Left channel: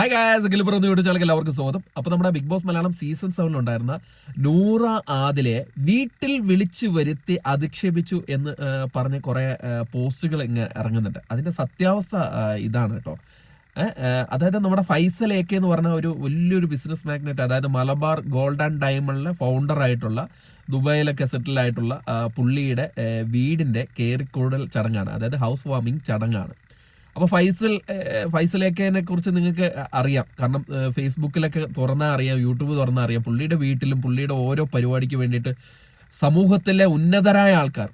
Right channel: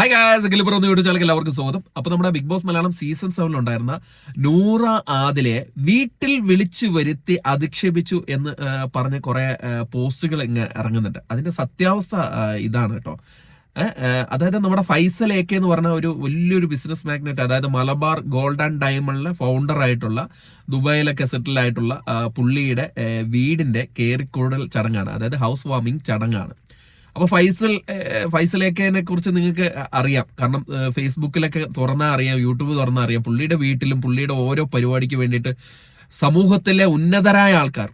Hi guys, Akhil പറഞ്ഞു വിളിച്ചാൽ എല്ലാവർക്കും സ്വാഗതം. അപ്പൊ നമ്മുടെ ബിഗ് ബോസ് മലയാളം സീസൺ 7 ഉണ്ടായിരുന്ന നൂറ ആദിലെ വീട്ടിൽ വിളിച്ചു വരുത്തി അധിക്ഷേപിച്ചു എന്ന് പറഞ്ഞ് കുറെ പോസ്റ്റുകൾ ഇങ്ങ് ഇറങ്ങുന്നുണ്ട്. അതിന്റെ സത്യാവസ്ഥ ഇതാണ് കേട്ടോ. അതായത് നമ്മുടെ ഫൈസൽ AK എന്ന് പറഞ്ഞ ഒരു വലിയൊരു ബിസിനസ് മാഗ്നറ്റ്, അതായത് മലബാർ ഗോൾഡ് ആൻഡ് ഡയമണ്ടിലെ ഫൗണ്ടർ ആയിട്ടുള്ള, ദുബായിലൊക്കെ സെറ്റിൽ ആയിട്ടുള്ള പുള്ളിയുടെ വീടിന്റെ കേറിക്കൂടൽ ചടങ്ങാണ്, അതായത് ഹൗസ് വാമിംഗ് ചടങ്ങാണ്. അപ്പൊ ഫൈസൽ AKനെ കുറിച്ച് നിങ്ങൾക്ക് അറിയാം, കാരണം ഫേസ്ബുക്കിലൊക്കെ തുറന്നാൽ അറിയാം, യൂട്യൂബ് തുറന്നാൽ അറിയാം. പുള്ളിയുടെ വീട്ടിലും പുള്ളിയുടെ ഓരോ പരിപാടിക്ക് വേണ്ടിയിട്ട് സമൂഹത്തിലെ ഉന്നതരായ ആൾക്കാർ,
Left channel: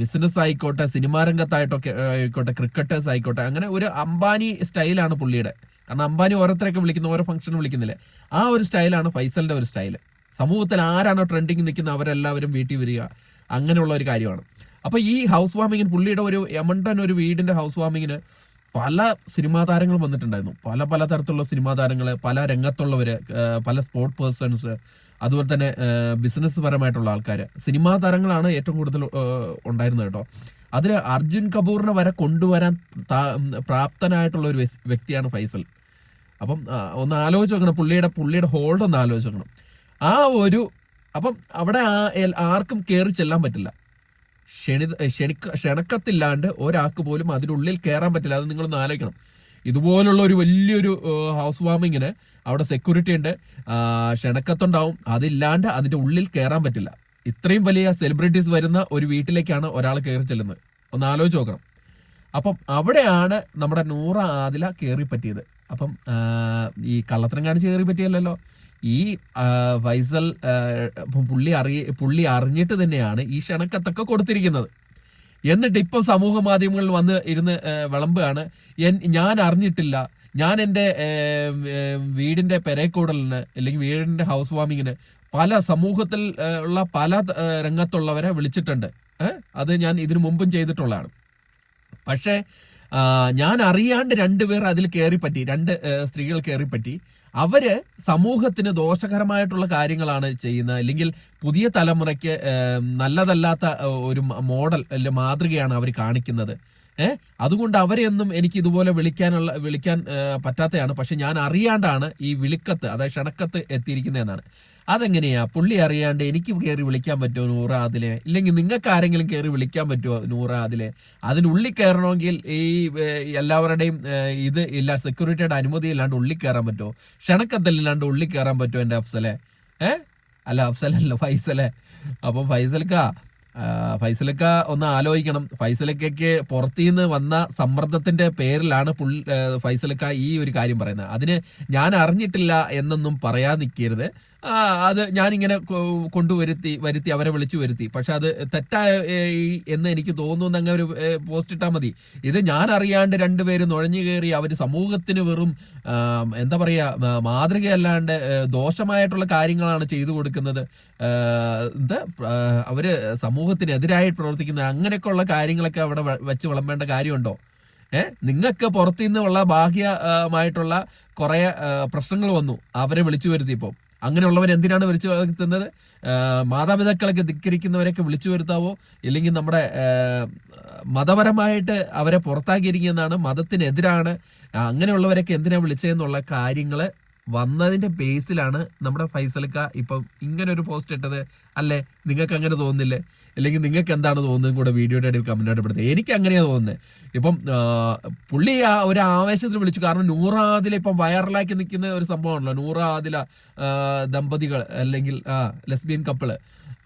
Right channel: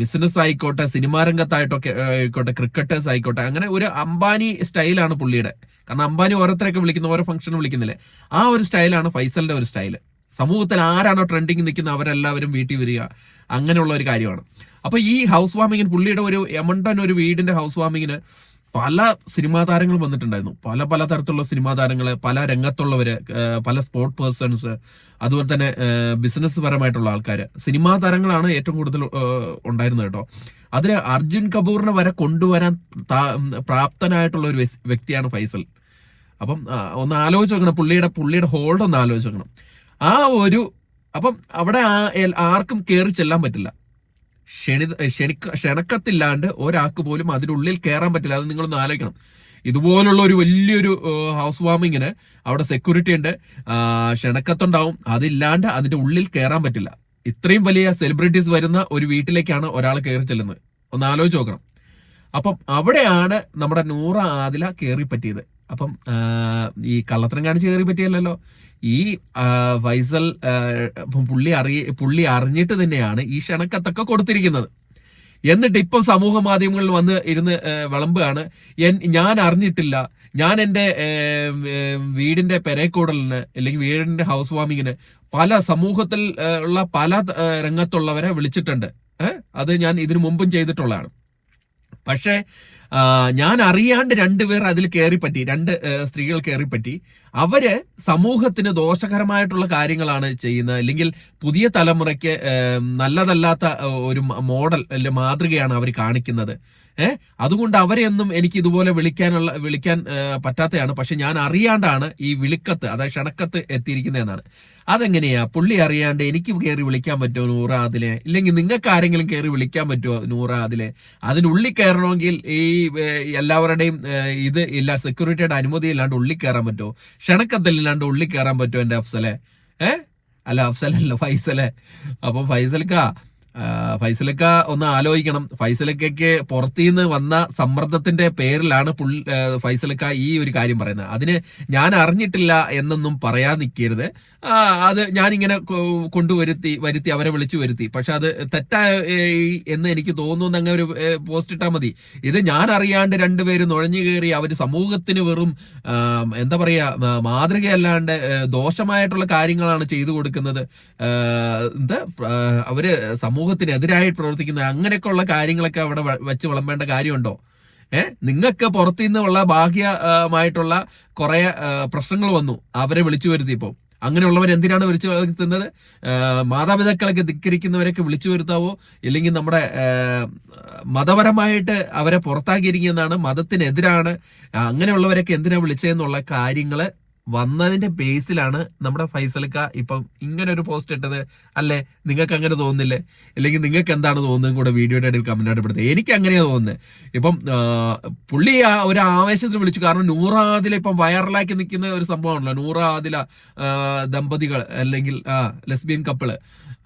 ബിസിനസ് ആയിക്കോട്ടെ, സിനിമാ രംഗത്തായിട്ടൊക്കെ ആയിക്കോട്ടെ, ക്രിക്കറ്റേഴ്സ് ആയിക്കോട്ടെ, അങ്ങനെ ഒരു അംബാനി സ്റ്റൈലാണ് പുള്ളിയുടെ. കാരണം അംബാനി ഓരോരുത്തരൊക്കെ വിളിക്കുന്ന, ഓരോ ഫംഗ്ഷനും വിളിക്കുന്നില്ലേ, ആ ഒരു സ്റ്റൈലാണ് ഫൈസലിന്റെ ഒരു സ്റ്റൈല്. സമൂഹത്തിൽ ആരാണോ ട്രെൻഡിങ് നിൽക്കുന്ന അവരെല്ലാവരും വീട്ടിൽ വരിക, അങ്ങനെയുള്ള ഒരു കാര്യമാണ്. അപ്പൊ ഈ ഹൗസ് വാമിങ്ങിന്, പുള്ളിയുടെ ഒരു എമണ്ടൻ ഒരു വീടിന്റെ ഹൗസ് വാമിങ്ങിന് പല സിനിമാ താരങ്ങൾ വന്നിട്ടുണ്ടായിരുന്നു. പല പല തരത്തിലുള്ള സിനിമാ താരങ്ങള്, പല രംഗത്തുള്ളവര്, പല സ്പോർട് പേഴ്സൺസ്, അതുപോലെ തന്നെ ബിസിനസ് പരമായിട്ടുള്ള ആൾക്കാര്, സിനിമാ താരങ്ങളാണ് ഏറ്റവും കൂടുതൽ ഉണ്ടായിരുന്നത് കേട്ടോ. അതിന് അർജുൻ കപൂറിനെ വരെ കൊണ്ടുവരാൻ പ്രാപ്തനായിട്ടുള്ള ഒരു വ്യക്തിയാണ് ഫൈസൽ. അപ്പം ഒന്ന് ആലോചിച്ച് നോക്കണം, പുള്ളിയുടെ ഹോൾഡ് ഒന്ന് ആലോചിച്ച് നോക്കണം. അപ്പം അവിടെ ആർക്കും കയറി ചെല്ലാൻ പറ്റില്ല. ക്ഷണക്കത്തില്ലാണ്ട് ഒരാൾക്ക് പോലും അതിനുള്ളിൽ കയറാൻ പറ്റില്ല. അത് നിങ്ങളൊന്ന് ആലോചിക്കണം. ഇതുപോലുള്ള ഒരു വലിയൊരു ഹൗസ് വാമിങ്ങിന് അവിടെ സെക്യൂരിറ്റി ഉണ്ട്, ക്ഷണക്കത്തുണ്ടാവും. അതില്ലാണ്ട് അതിന്റെ ഉള്ളിൽ കയറാൻ പറ്റില്ല. ഇത്രയും വലിയ സെലിബ്രിറ്റീസ് വരുന്ന ഒരു വീട്ടിലേക്കാണ് ഒരാൾ കയറി ചെല്ലുന്നത്. ഒന്ന് ആലോചിച്ച് നോക്കണം. അപ്പം അവിടെയാണ് നമ്മുടെ നൂറ ആദില കയറി പറ്റിയത്. അപ്പം ഈ കള്ളത്തരം കാണിച്ച് കയറി പറ്റിയല്ലോ. ഈ ഫൈസൽ പുള്ളി അറിഞ്ഞിട്ട് തന്നെയാണ് ഈ ക്ഷണക്കത്തൊക്കെ കൊടുത്തിരിക്കുന്നത്. എന്നിട്ട് ഇപ്പം സമൂഹ മാധ്യമങ്ങളിൽ വന്ന് ഇരുന്ന് വിളമ്പുകയാണ്, ഞാൻ അറിഞ്ഞിട്ടില്ല, ഞാൻ എൻ്റെ വീടിന്റെ പെരേക്കൂടലിന് അല്ലെങ്കിൽ വീടിന്റെ ഹൗസ് വാമിങ്ങിന് പല സമൂഹത്തിൽ ഉള്ള പല രംഗത്തുള്ളവരെ വിളിച്ചിട്ടുണ്ട്. അത് ഞാൻ ഇതിനു മുമ്പും ചെയ്തിട്ടുള്ളതാണ്. പക്ഷേ ഞാൻ അറിയാണ്ട് രണ്ടുപേർ അതിൽ കയറിപ്പറ്റി, രണ്ട് സ്ത്രീകൾ കയറിപ്പറ്റി. അവര് സമൂഹത്തിന് ദോഷകരമായിട്ടുള്ള കാര്യങ്ങളാണ് ചെയ്യുന്നത്, അല്ലെങ്കിൽ പുതിയ തലമുറയ്ക്ക് നല്ലതല്ലാത്ത ഒരു മോഡൽ അല്ലെങ്കിൽ മാതൃകയാണ് അവർ കാണിക്കുന്നത്. അതുകൊണ്ട് അവരെയൊന്നും എനിക്ക് ഇതുപോലെ വിളിക്കാൻ പറ്റാത്തതാണ്. പക്ഷെ ഞാൻ അറിയാണ്ടാണ് ഈ വിളിക്കത്ത്, അതായത് ക്ഷണക്കത്ത് എത്തിയിരിക്കുന്നതെന്നാണ്. അതെങ്ങനെയാ പുള്ളി അറിയാണ്ട് എനിക്ക് കയറി വിളിക്കാൻ പറ്റുമോ നൂറ ആദിലെ? ഇല്ലെങ്കിൽ നിങ്ങൾക്ക് ആരെങ്കിലും കയറി വിളിക്കാൻ പറ്റുമോ നൂറ ആദിലെ? അതിനുള്ളിൽ കയറണമെങ്കിൽ ഈ എല്ലാവരുടെയും ഇത് ഇല്ല, സെക്യൂരിറ്റിയുടെ അനുമതി ഇല്ലാണ്ട് ഉള്ളിൽ കയറാൻ പറ്റുമോ? ക്ഷണക്കത്തില്ലാണ്ട് ഉള്ളിൽ കയറാൻ പറ്റുമോ എന്റെ അഫ്സലെ? അല്ല, അഫ്സലല്ല, ഫൈസലെ. അപ്പൊ ഫൈസലക്ക ഒന്ന് ആലോചിക്കണം. ഫൈസലക്കയ്ക്ക് പുറത്തുനിന്ന് വന്ന സമ്മർദ്ദത്തിന്റെ പേരിലാണ് ഫൈസലക്ക ഈ ഒരു കാര്യം പറയുന്നത്. അതിന് ഞാൻ അറിഞ്ഞിട്ടില്ല എന്നൊന്നും പറയാൻ നിൽക്കരുത്. അത് ഞാനിങ്ങനെ വരുത്തി അവരെ വിളിച്ചു വരുത്തി. പക്ഷെ അത് തെറ്റായി എന്ന് എനിക്ക് തോന്നുന്നു. അങ്ങനെ ഒരു പോസ്റ്റ് ഇട്ടാൽ മതി. ഇത് ഞാൻ അറിയാണ്ട് രണ്ടുപേരും നുഴഞ്ഞു കയറി അവര് സമൂഹത്തിന് വെറും എന്താ പറയാ, മാതൃകയല്ലാണ്ട് ദോഷമായിട്ടുള്ള കാര്യങ്ങളാണ് ചെയ്തു കൊടുക്കുന്നത്. അവര് സമൂഹത്തിനെതിരായിട്ട് പ്രവർത്തിക്കുന്ന അങ്ങനെയൊക്കെയുള്ള കാര്യങ്ങളൊക്കെ അവിടെ വെച്ച് വിളമ്പേണ്ട കാര്യമുണ്ടോ? നിങ്ങൾക്ക് പുറത്തുനിന്നുള്ള ബാഹ്യമായിട്ടുള്ള കുറെ പ്രശ്നങ്ങൾ വന്നു, അവരെ വിളിച്ചു വരുത്തിയപ്പോ. അങ്ങനെയുള്ളവർ എന്തിനാണ് വിളിച്ചു വരുത്തുന്നത്? മാതാപിതാക്കളൊക്കെ ധിക്കരിക്കുന്നവരൊക്കെ വിളിച്ചു വരുത്താവോ? ഇല്ലെങ്കിൽ നമ്മുടെ മതപരമായിട്ട് അവരെ പുറത്താക്കിയിരിക്കുന്നതാണ്, മതത്തിനെതിരാണ്, അങ്ങനെയുള്ളവരൊക്കെ എന്തിനാ വിളിച്ചതെന്നുള്ള കാര്യങ്ങള് വന്നതിന്റെ ബേസിലാണ് നമ്മുടെ ഫൈസലക്ക ഇപ്പം ഇങ്ങനെ ഒരു പോസ്റ്റ് ഇട്ടത്. അല്ലേ? നിങ്ങൾക്ക് അങ്ങനെ തോന്നുന്നില്ലേ? അല്ലെങ്കിൽ നിങ്ങൾക്ക് എന്താണ് തോന്നുന്നത് കൂടെ വീഡിയോയുടെ ഇടയിൽ കമന്റ് ആയിട്ട് പെടുത്തുക. എനിക്ക് അങ്ങനെയാ തോന്നുന്നത്. ഇപ്പം പുള്ളി ഒരു ആവേശത്തിൽ വിളിച്ചു. കാരണം നൂറ ആദില ഇപ്പം വൈറലാക്കി നിൽക്കുന്ന ഒരു സംഭവമാണല്ലോ, നൂറ ആദില ദമ്പതികൾ, അല്ലെങ്കിൽ ലെസ്ബിയൻ കപ്പിള്.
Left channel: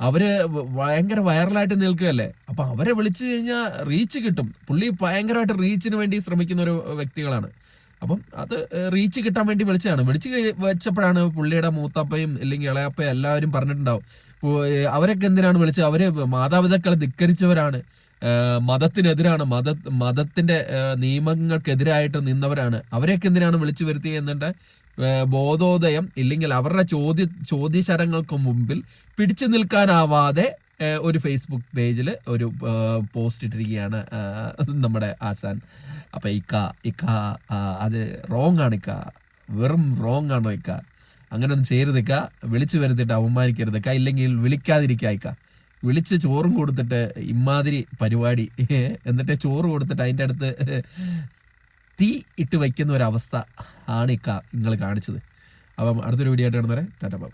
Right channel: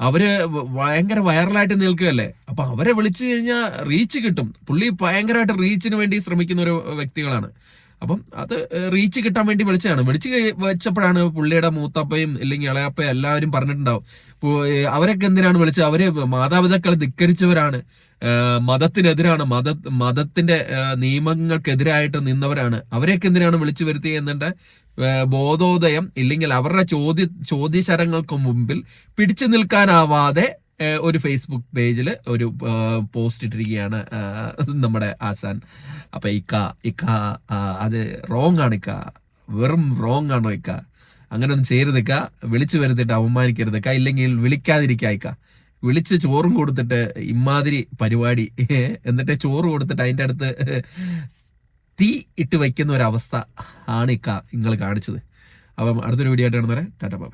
അവര് ഭയങ്കര വൈറലായിട്ട് നിൽക്കുകയല്ലേ. അപ്പൊ അവരെ വിളിച്ചു കഴിഞ്ഞാൽ റീച്ച് കിട്ടും. പുള്ളി ഭയങ്കരമായിട്ട് റീച്ചിന് വേണ്ടി ശ്രമിക്കുന്ന ഒരു വ്യക്തികളാണ്. അപ്പം അത് റീച്ച് കിട്ടാൻ വേണ്ടി വിളിച്ചു വെച്ചപ്പോഴാണ് പുള്ളിയുടെ മൂത്തപ്പയും അല്ലെങ്കിൽ ഇളയപ്പയും എല്ലാവരും പറഞ്ഞിട്ടുണ്ടാവും, അവരൊക്കെ എന്തിനാണ് വിളിച്ചത്? അവര് മാതാപിതാക്കളെ ധിക്കരിച്ചവരാണ്, മതത്തിനെതിരാണ്, മതത്തിന്റെ നിയമങ്ങൾക്കെതിരായിട്ട് നിന്നവരാണ്, അവരെയൊക്കെ എന്തിനാണ് വിളിച്ചു വരുത്തിയത് എന്നിട്ട് ബോധോദയം ഇല്ലെങ്കിൽ അവരുടെ ചോദ്യശരങ്ങൾക്ക് മുമ്പിൽ പിടിച്ചു നിൽക്കാനാവാതെ ഒരു ഫേസ്ബുക്ക് പേജിൽ ഒരു പോസ്റ്റ് ഇട്ടിരിക്കുകയാണ് നമ്മുടെ ആശാൻ. അപ്പൊ ഇക്ക അത് റോങ് ആണ്, വെറും റോങ് ആണോ ഇക്ക? അങ്ങനെ ഒന്നും ചെയ്യരുതിക്ക, വിളിച്ചു വരുത്തിട്ട് അവമാനിക്കരുതിക്ക, ഇല്ലെങ്കിൽ വിളിക്കാതിരിക്ക. വിളിച്ച് ചോറും കൊടുത്തിട്ട് ഇമാതിരി പരിപാടി, എന്നിട്ട് ചോറ് കൊടുത്തിട്ട് അതിൻ്റെ അടുത്ത് തീ ഇട്ട് വയ്ക്കുന്ന ഒരവസ്ഥ ആണ് നിങ്ങൾ കാണിച്ചത്. അപ്പം അടുത്തൊരു വീഡിയോ ആയിട്ട് കാണുന്നവരെ ടാറ്റാ ബൈ.